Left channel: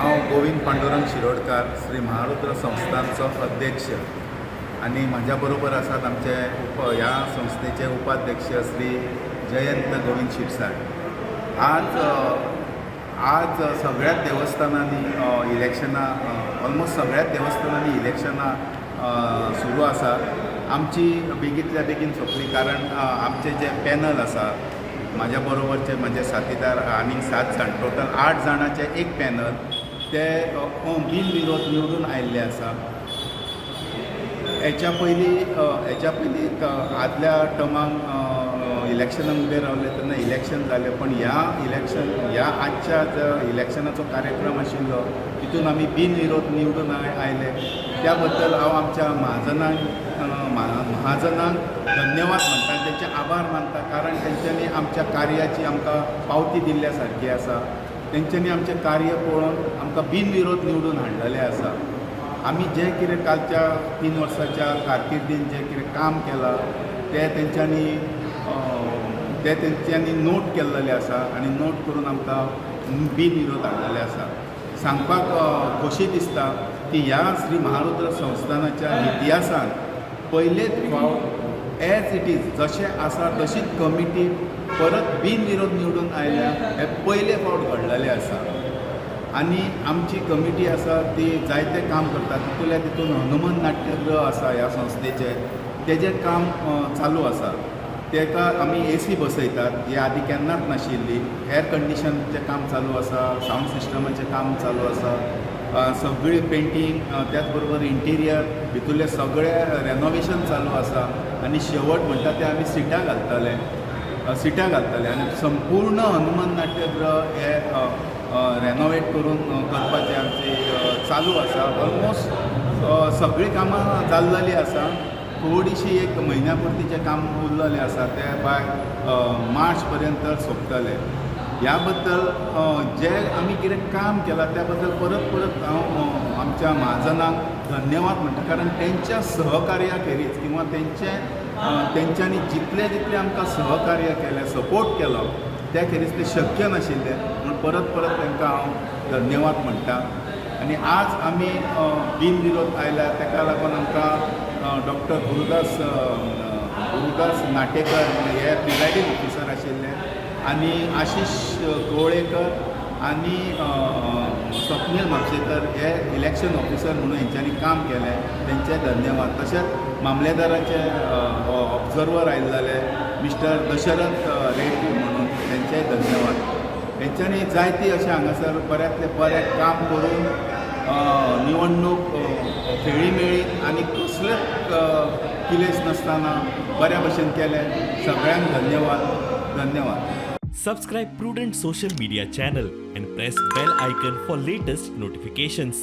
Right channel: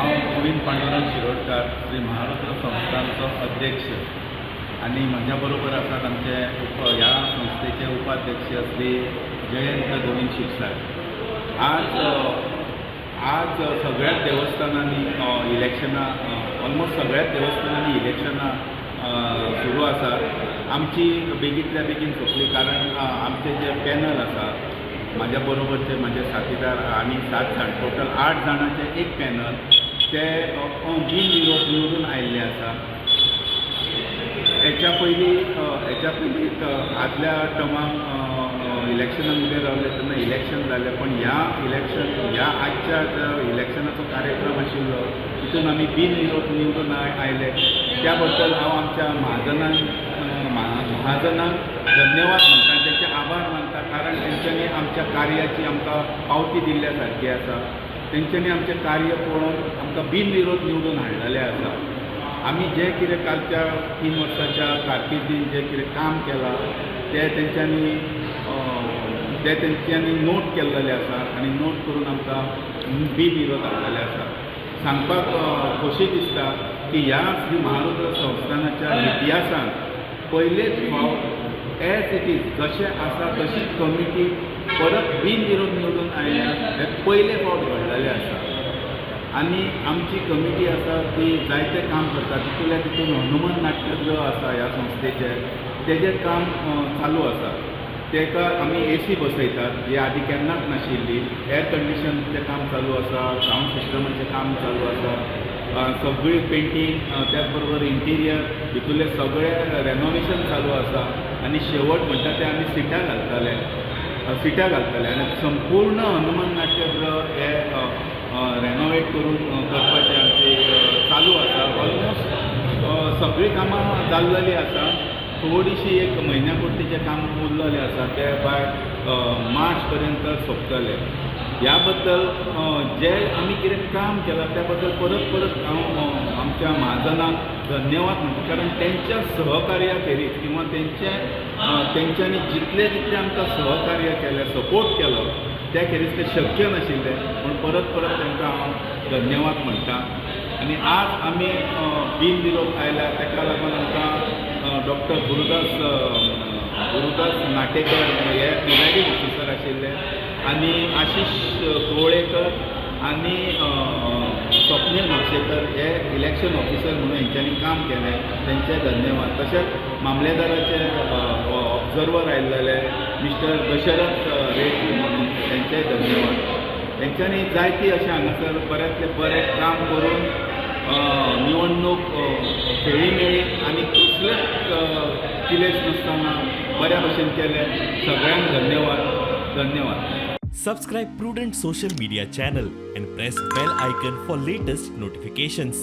हांव गोविंद पांडुरंग शिरोडकार श्री महारुद्र संस्थानचो अध्यक्ष आणि म्हज्या बरोबर आसात आमचे ह्या संस्थेचे उपाध्यक्ष श्री जयंत गोविंद शिरसाट. आज सगळ्याच देवस्थानांनी इलेक्शनां ऑलमोस्ट सगळ्याच देवस्थानांनी इलेक्शनां सुरू आसा. आमची बेगींतल्या बेगीन सोंपली कारण आमचे जे पॅनल आसा म्हाज्या बरोबरचे म्हजे साथीदार आनीक 7 जाण टोटल 8 जाणांचे एक पॅनल ते बिनविरोध निवडून आयिल्ले आसा. हेच्या पयलीं आदल्या टर्माक इलेक्शनान उबे रावले तेन्ना इलेक्शन जालें, पण ह्या आजच्या इलेक्शनाचो कार्यक्रम आशिल्लो तितून आमी बिनविरोध निवडून आयले. त्या बद्दल हांव आमच्या महाजनांक धन्यवाद म्हणटा, तेंचे आभार मानता, कारण तेंच्यांनी आमच्या कार्याची आमकां पावती दिल्ल्या सारकी आसा. तेंच्यांनी आमचें कार्य पळोवन आमकां बिनविरोध निवडून हाडलेलें आसा. आमी जें कितें कालच्या 3 वर्साच्या कारकिर्दीन जें कितें काम केलां तें तेंच्यांनी नोट केल्लेलें आसा आनी नोट करून आमकां बिनविरोध हाडलेलें आसा. सांगपाक खोशी दिसता की ह्या श्री महारुद्र संस्थानाच्या इतिहासान पयलेच फावट एज इट इज जशें आसा तशीच कमिटी परत बिनविरोध निवडून आयल्या हें पयले फावट घडलेलें आसा. आनी आमची कमिटी आसा ती जायतें काम करता. तितून हनुमान नाट्यगृह आसा ह्या संस्थेचें, तेजें काम चालू आसा. तेका आमी AC बसयतात, ही आदी केन्नाच नाशिल्ली. एअर कंडिशनचें काम चालू आसा, सावंड सिस्टमाचें काम चालू आसा, सगळी पेंटींग, त्याच बरोबर इंटिरियर भितरलें सगळें रेनोवेशन चालू आसा. आनी शेवट म्हणटा तें आमी सिटां घालतले आनी संपूर्ण हनुमान नाट्यगृह हे रेनोवेट करून करपाचें आमचें चालू आसा. ऑलमोस्ट सगळीं कामां जाल्लेलीं आसा. थोडीशी एक म्हयन्या पुरतीचें काम उरलेलें आसा, तें बाय मार्च पर्यंत सोंपतलें. ह्या बद्दल जें आमी कितें काम केलां त्या बद्दल परत हांव आमच्या महाजनांक धन्यवाद म्हणटा, कारण तेंच्या सहकार्या खेरीज किंवा तेंच्यांनी जितलें आमकां सहकार्य केलें, सपोर्ट केलो, त्या खेरीज तें शक्य नाशिल्लें. पूण परत तांकां हांव धन्यवाद म्हणटा. आनी आज आमी बिनविरोध आयल्या ताका लागून आमकां डॉक्टर गुरुदास नाटेकर हे प्रिजायडींग ऑफिसर आशिल्ले, आनी आशिश कवळेकर आनी स्वप्नील म्हापशेकर हे इलेक्शन ऑफिसर म्हणून हेंच्यांनी काम केलें, तेंचे धन्यवाद. तशेंच मामलेदाराचे ऑब्जर्वर आयिल्ले मिस्टर दशरथ रेड्डी म्हणून तेंचे धन्यवाद. तेंच्यांनी जायती अशें हांगासर बऱ्यांतलें बरें काम करून निवडणूक खेळी मेळ्ळी आनी कसलेंच किलेस नासतना बऱ्या भशेन केलें. सगळ्यांक धन्यवाद. Subscribe Prudent social media channel and press bell icon for latest notifications.